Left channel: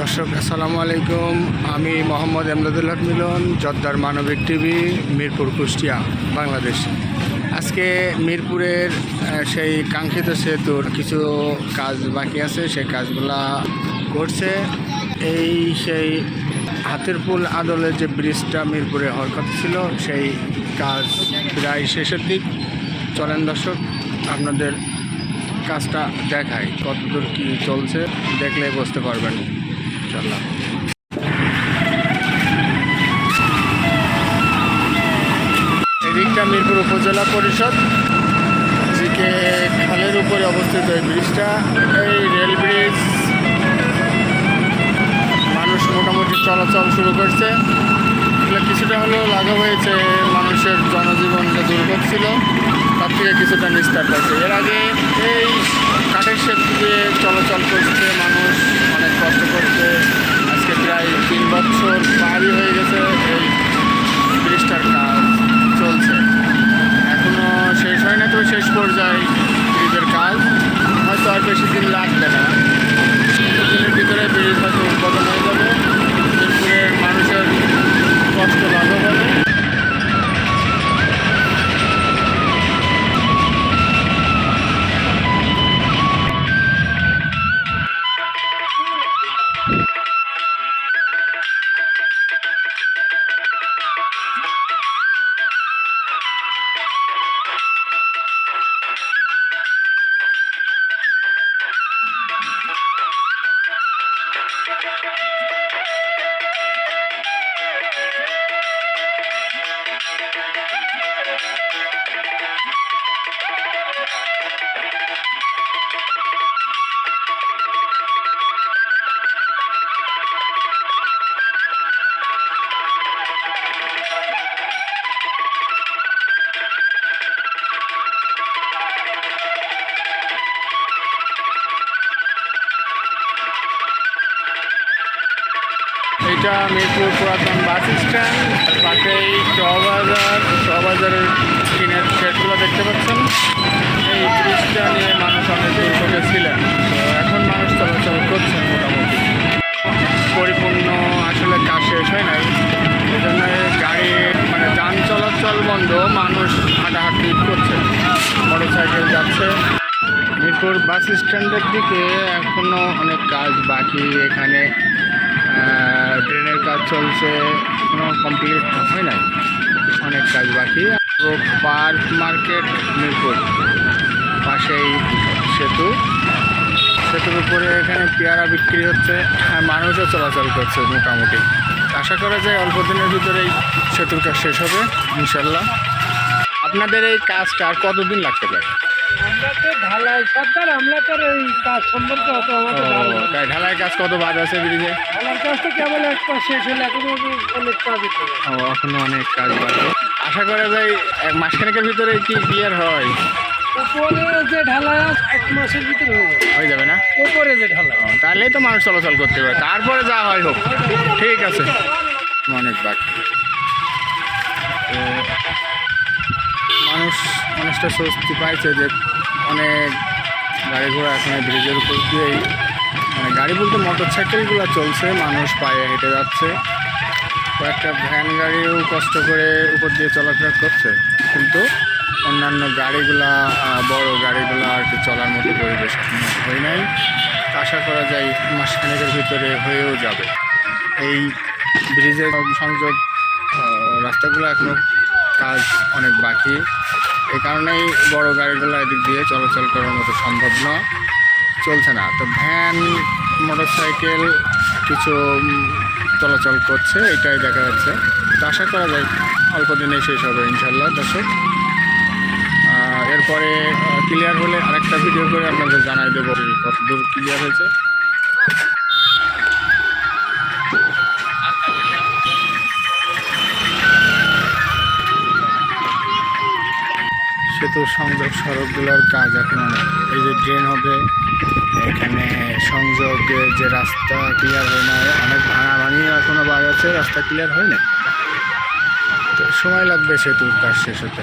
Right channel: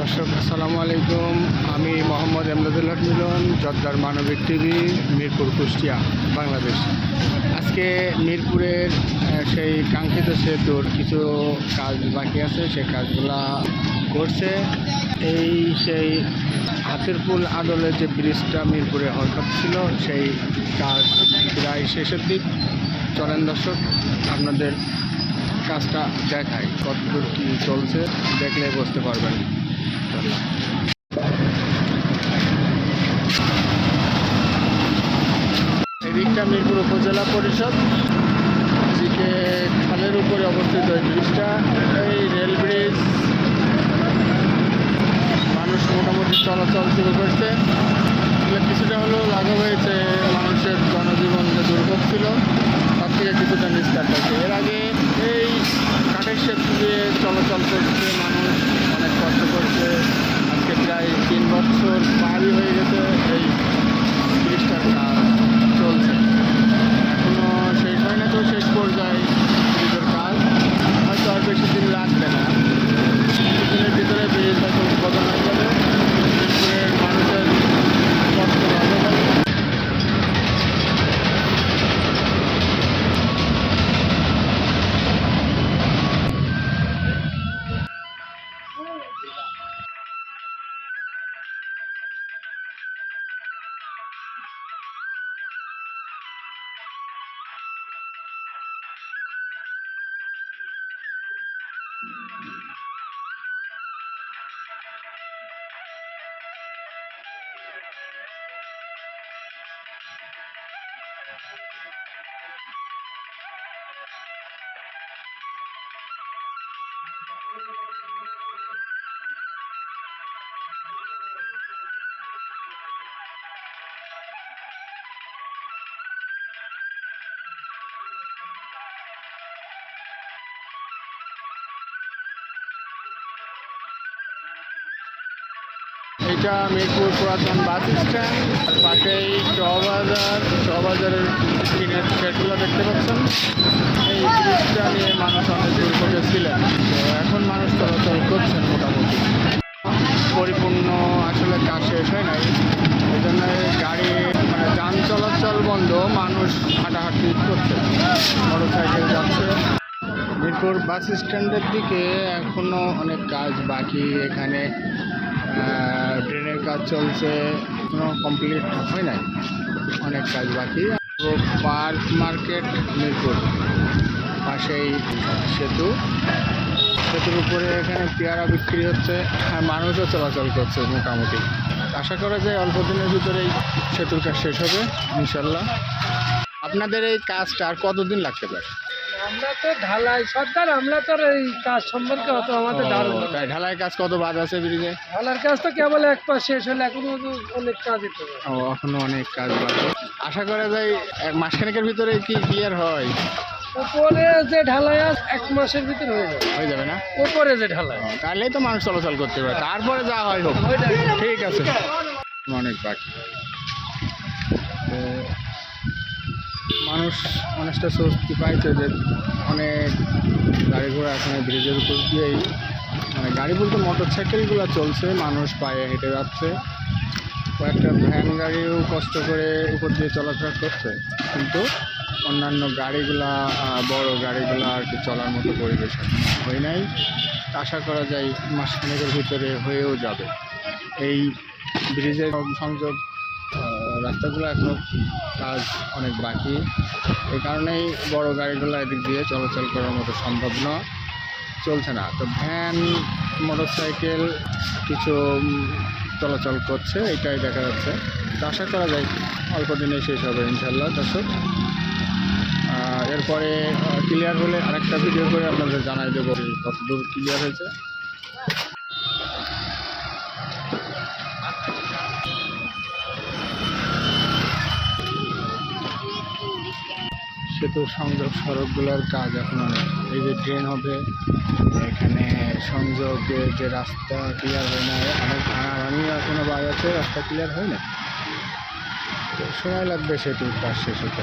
দর্শক আসসালামু আলাইকুম। আমি মোহাম্মদ এমদাদুল হক মিলন, জর্দার মানবিক টিভি, মিরপুর, কুষ্টিয়া, বাংলাদেশ। আজকে মিরপুরের সেই কাঙ্ক্ষিত সেতুর কিছু কাজ বাকি আছে, সেই কাজগুলা করছে। সেই হাতের পুল আদলের যে ব্রিজটা মিরপুরে হওয়ার কথা ছিল, সেই কাজ প্রায় শেষের দিক। চলেন দর্শক, আপনাদের কাজটা দেখায় কতদূর কি চলছে, দেখলে বুঝতে পারবেন। ইনশাআল্লাহ এদিকটা মিরপুর উপজেলা পরিষদ জিকে খালের উপরে অবস্থিত এই ব্রিজটা। এই রেল ব্রিজ মানুষ মোটামুটি চলাচল শুরু করছে। এগুলো কিছুটা হলেও লাঘব হয়েছে, মানুষের জনজীবন যে দুর্ভোগ ছিল তার থেকে কিছুটা নিস্তার পাচ্ছে। এর আগে এই কাঠের সেতু দিয়ে চলাচল করছে মানুষ, অনেক কষ্ট করছে। আজকে প্রায় 3 বছর পারই হয়ে গেছে এই ব্রিজটার কাজ চলছে, এখনও শেষ হয় না। তো শেষ পর্যায়ে ব্রিজের কাজ হয়তো আর বেশি দিন লাগবে না, দিনের ভিতরে ব্রিজ হয়তো উদ্বোধন হয়ে যাবে। মিরপুরের মানুষের কষ্ট লাঘব হবে। এটা মিরপুর পুরাতন বাস স্ট্যান্ড, আর পাশেই শোভাবাজারের টিনের শেডগুলো দেখতে পাচ্ছেন। এই ব্রিজটা নিয়ে মানুষ অনেক দুর্ভোগে ছিলেন, তো এখন মানুষ চলাচল করছেন মোটামুটি। পরিপূর্ণ আসলে কাজ শেষ হয় নাই, এই জন্য গাড়ি যান চলাচল বন্ধ, মানুষ হাঁটাহাঁটি করছে, মোটরসাইকেল যাচ্ছে। মিরপুর বাস স্ট্যান্ডের দিকে এখনও অনেক কাজ বাকি। এখানে ট্রেনের কাজ চলছে, এখনো কমপ্লিট হয় নাই, অনেক কাজ বাকি। পার্ক মার্কেট মিরপুর, পাশেই সেতুর উপরে এখানে পেয়ারা বিক্রি হচ্ছে, মানুষও চলাচল করছে মোটামুটি। আশা করা যায় অল্প দিনের ভিতরেই সেতুর কাজ শেষ হবে ইনশাল্লাহ। আপনাদের এই কাজটা আর কতদিন লাগতে পারে? আমরা তো ঢালাই সরকার, আমরা তো এই কাজ সম্পর্কে অত আমাদের ঢালাই কাজ কত বাদ আছে ব্রিজে? ঢালার কাজ তো কেবল এক পাশ শেষ হলে এখনো অনেক কাজ হতে হবে। এখনো অনেক কাজ বাকি। আশা করা যায় এক মাসখানেকের ভিতরে কি ক্লিয়ার হয়? উপরে যে ঢালাই 1 মাসের ভিতরে হয়ে যাবে না? উপরে যে ঢালাই, তাহলেই তো মানুষ চলাচল করতে পারে, তারপরে যা হয় হোক। ঠিক আছে, অনেক বাকি। মানুষ অনেকটা স্বস্তি পাইছে যে অনেক গাড়ি ঘোড়া এখন ব্রিজের উপর দিয়েই, গাড়ি বলতে মোটর সাইকেলগুলো চলছে, মানুষ পায়ে হেঁটে যাচ্ছে। কয়েকটা ভ্যান গাড়িও কষ্ট করে উপর দিয়ে চলাফেরা করছে, কিন্তু অন্যান্য গাড়িগুলা, বড় গাড়িগুলো আর কি চলার মতো পরিবেশ হয় নাই। আশা করা যায় মাসখানেকের ভিতরে হয়েও যাবে। এই ব্রিজের সংযোগ রাস্তাগুলো এখনও কাজ অনেক বাকি, এই কারণেই বড় গাড়িগুলো এদিক দিয়ে চলাচল করার মতো সম্ভব চলছে না। তো ভ্যান, মোটরসাইকেল কিছু চলাচল করছে, এটাই দেখা যাচ্ছে। তো আশা করা যায় অল্প দিনেই শেষ হবে ইনশাল্লাহ দর্শক। এরপরে ক্লিয়ার হলে আরেকটা ভিডিও করে আপনাদের জানাই দেবো কতদূর ক্লিয়ার হয়েছে। সেতুর সংযোগ সড়কগুলোর কাজ এখন অনেক। এই যে ড্রেন হবে, এখানে সংযোগে যে রাস্তা ক্লিয়ার হয় না, অনেক ভাঙাভাঙি এখনও বাদ আছে, রাস্তা ক্লিয়ার হয় না, তো সময় লাগবে সেতুর কাজ শেষ হতে।